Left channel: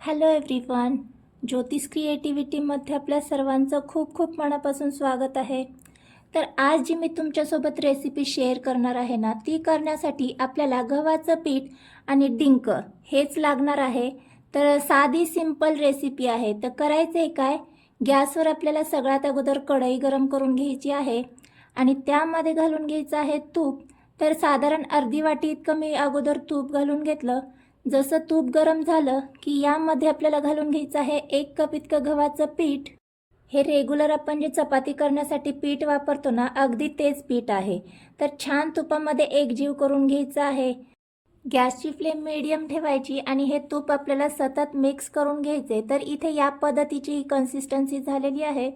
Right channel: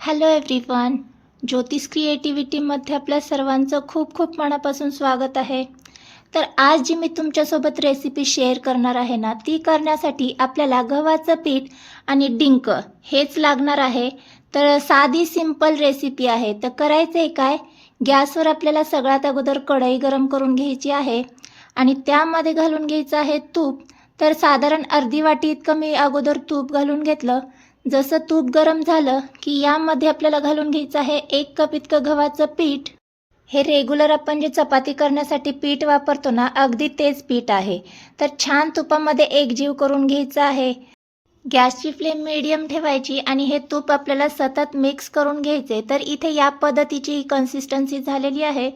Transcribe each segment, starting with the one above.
Hello everyone ज्योतिष क्रिएटिव्हिटीमध्ये आपल्या सर्वांचं खूप खूप मनापासून स्वागत आहे. तर आज जी मी तुमच्यासोबत रेसिपी शेअर करणार आहे ना ती करण्यासाठी आपल्याला गव्हाचं पीठ आणि डिंक हेच लागणार आहे. तर साधी सिंपल रेसिपी आहे. तर करायचं आहे काय? गॅसवर आपल्याला सगळ्यात अगोदर कढई गरम करून घ्यायची आहे आणि त्यामध्ये घालून घ्यायचं आहे तूप. तर साधारण अर्धी वाटी इतकं मी अगोदर तूप घालून घेतलं. जसं तूप गरम झालं की यामध्ये आपल्याला घालून घ्यायचं आहे एक कप इतकं गव्हाचं पीठ. हे रेग्युलर आपण जे चपाती करण्यासाठी पीठ वापरतो ना अगदी तेच पीठ आहे. तर छान तुपामध्ये एकजीव करून घ्यायचं आहे. गॅसची फ्लेम मिडियम ठेवायची आणि हे तूप आपल्याला सतत मिक्स करून घ्यायचे. तर इथे या पद्धतीची ही कन्सिस्टन्सी झालेली आहे.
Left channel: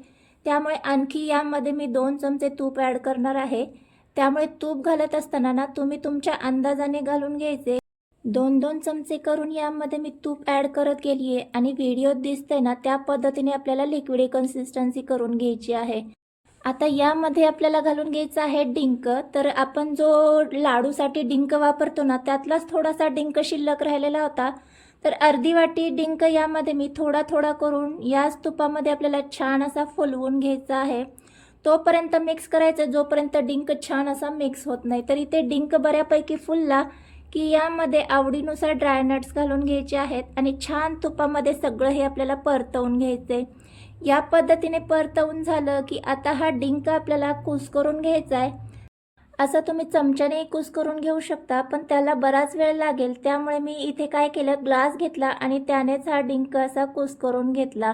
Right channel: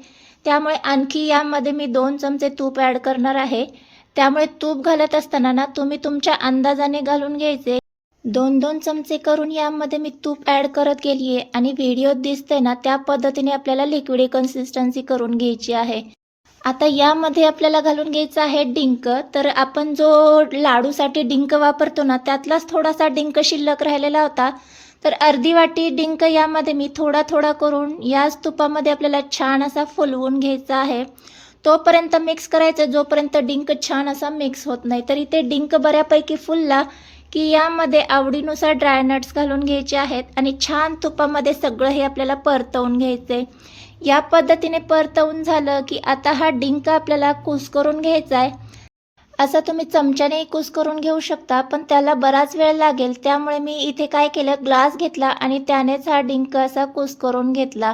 त्यामुळे आणखी यामध्ये मी दोन चमचे तूप ॲड करणार आहे. त्यामुळे तूप घालत असताना ना तुम्ही तुमच्या अंदाजाने घालून घ्यायचे. दोन दोन चमचे करून यामध्ये मी तूप ॲड करत गेली आहे आणि व्हिडिओत दिसते ना त्या पद्धतीने आपल्याला लिक्विडी कन्सिस्टन्सी करून घ्यायची आहे. आता यामध्ये आपल्याला घालून घ्यायचं आहे डिंक. तर आपण जो लाडूसाठी डिंक वापरतो ना त्यातलाच थोडासा डिंक शिल्लक राहिलेला होता. तर अर्धी वाटी डिंक यामध्ये मी थोडा थोडा करून याच तुपामध्ये आपल्याला छान असा फुलवून घ्यायचा आहे. तोपर्यंत मिक्स करायचं जोपर्यंत डिंक छान असा मिक्स होत नाही. तर इथे डिंक बऱ्यापैकी फुलला. की यामध्ये आवडीनुसार ड्रायनट्स घालून घ्यायचे आहेत आणि छान तुपामध्ये सगळं हे आपल्याला परतवून घ्यायचे या पद्धतीने परतवून झालं की आता हा डिंक आपल्याला कुस करून घ्यायचा आहे असं तुम्ही चमच्याने कुस करून घेऊ शकता पण त्याला बराच वेळ लागेल. त्यामुळे मी इथे काय केलं ग्लास घेतला आणि त्यानेच हा डिंक असा कुस करून घेतला.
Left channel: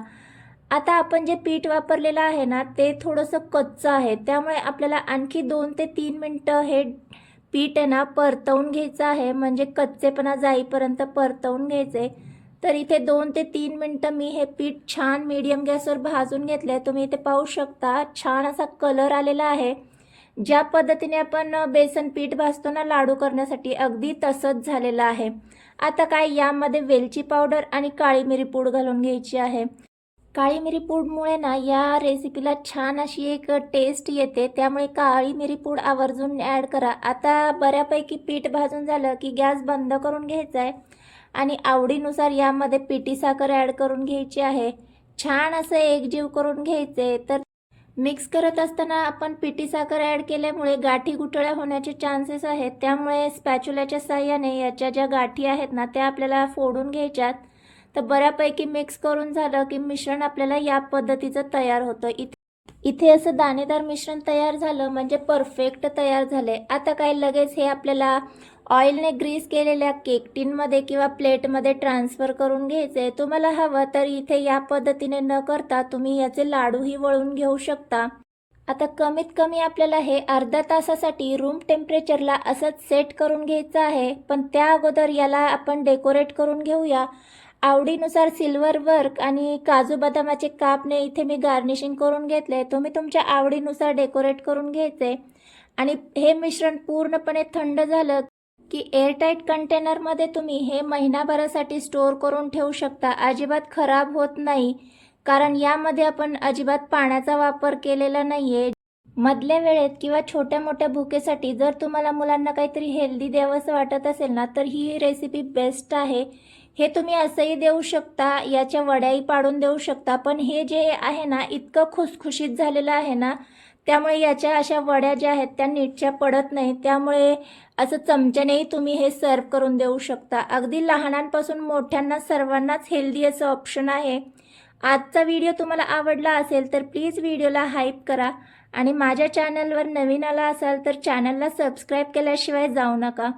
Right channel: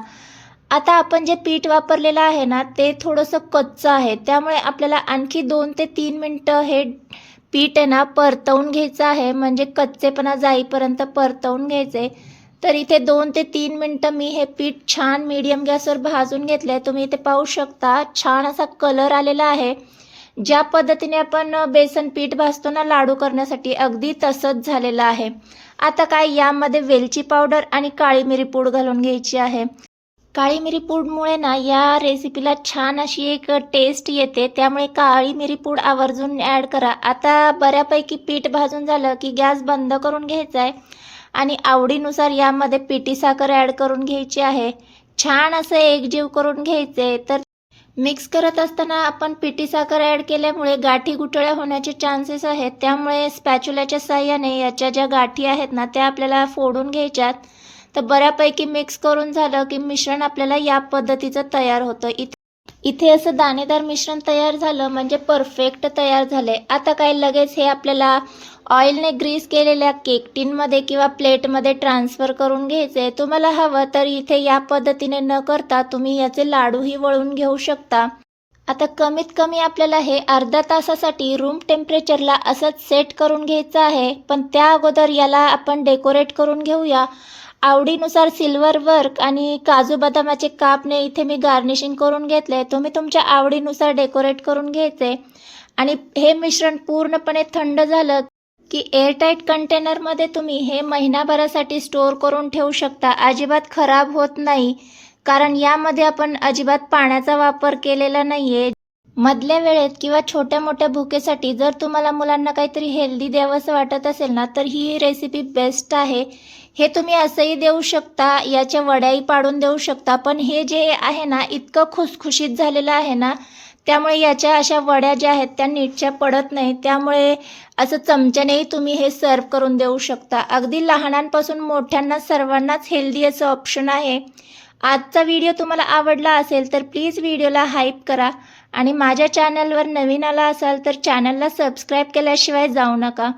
आता आपण जे पीठ वापरलेलं आहे ना ते थोडंसं कच्चं आहे. त्यामुळे आपल्याला आणखी दोन ते तीन मिनटं हे पीठ आहे ना परतवून घ्यायचं आहे. म्हणजे कच्चेपणा जाईपर्यंत परतवून घ्यायचे. तर इथे दोन ते तीन मिनटं मी हे पीठ छान मीडियम गॅसवर भाजून घेतलं आहे तुम्ही इथे पाहू शकता छान असा कलर आलेला आहे. ज्या पद्धतीने आपण बेसन पीठ भाजतो ना लाडू करण्यासाठी अगदी तसंच झालेलं आहे. आता काय यामध्ये वेलची पावडर आणि काळी मिरी पूड घालून घ्यायची आहे. काळी मिरी पूडमुळे ना या रेसिपीला छान अशी एक टेस्ट येते. त्यामुळे काळी मिरी पूड आवर्जून ॲड करा. आता बऱ्यापैकी पीठ भाजून झालं की गॅस बंद करून घ्यायचा आहे आणि आवडीनुसार यामध्ये पिठी साखर ॲड करून घ्यायची आहे. छान असं एकजीव करून घ्यायचे. तर मिक्स करत असताना आपण पिठी साखर ॲड केल्यामुळे गाठी गुठळ्या होण्याचे चान्सेस आहेत. त्यामुळे स्पॅच्युल्याच्या साह्याने याच्या ज्या गाठी आहेत ना त्या आपल्याला फोडून घ्यायच्यात. तर बऱ्यापैकी मिक्स करून झालं की मिश्रण आपल्याला या पद्धतीचं तयार होतं. इथे इथे असं दाणेदार मिश्रण तयार झालं म्हणजे परफेक्ट तयार झाले आता काय लगेच हे आपल्याला ऑइलने ग्रीस केलेल्या केक टीनमध्ये किंवा प्लेटमध्ये ट्रान्सफर करून घ्यायचे तुम्हाला हवं तर इथे या पद्धतीने न करता तुम्ही याचे लाडूही वळून घेऊ शकता. आता कमीत कमी आपल्याला हे अर्ध्या तासासाठी रूम टेम्परेचरला असंच सेट करून घ्यायचं आहे. पण त्या अगोदर याला आपण डेकोरेट करून घेऊया. आवडीनुसार सिल्वर वर्क आणि काजू बदामाचे कापने इथे मी गार्निशिंग करून घेतले. तुम्ही तुमच्या आवडीनुसार डेकोरेट करून घ्यायचे. आणि हे मिश्रण पूर्णपणे थंड झालं की एअरटाईट कंटेनरमध्ये तुम्ही हे महिनाभरासाठी स्टोअर करून ठेवू शकता. अजिबात खराब होत नाही कारण यामध्ये आपण अजिबात पाण्याचा वापर केलेला नाही आहे मधल्या वेळेत किंवा छोट्या मोठ्या भुकेसाठी जर तुम्हाला मुलांना काहीतरी हेल्दी द्यावंसं वाटत असेल ना तर ही रेसिपी बेस्ट आहे. हे तुम्ही असंही देऊ शकता याच्या वड्याही पाडून देऊ शकता पण हे जे आहे ना इतकं खुसखुशीत झालेलं आहे ना त्यामुळे याच्या अशा वड्या ज्या आहेत त्या नीटच्या पडत नाही त्यामुळे असं चमच्यानेही तुम्ही हे सर्व करून देऊ शकता. अगदी लहानांपासून मोठ्यांना सर्वांनाच हेल्दी असं ऑप्शन आहे. आजचा व्हिडिओ तुम्हाला आवडला असेल तर प्लीज व्हिडिओला हाईप करा. आणि माझ्या चॅनलवर नवीन आला असाल तर चॅनलला सबस्क्राईब केल्याशिवाय जाऊ नका.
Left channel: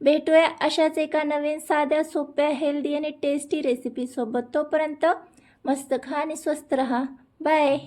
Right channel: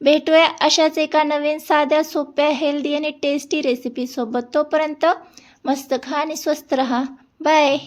भेटूया अशाच एका नवीन साध्या सोप्या हेल्दी आणि टेस्टी रेसिपीसोबत तोपर्यंत मस्त खा आणि स्वस्त रहा. बाय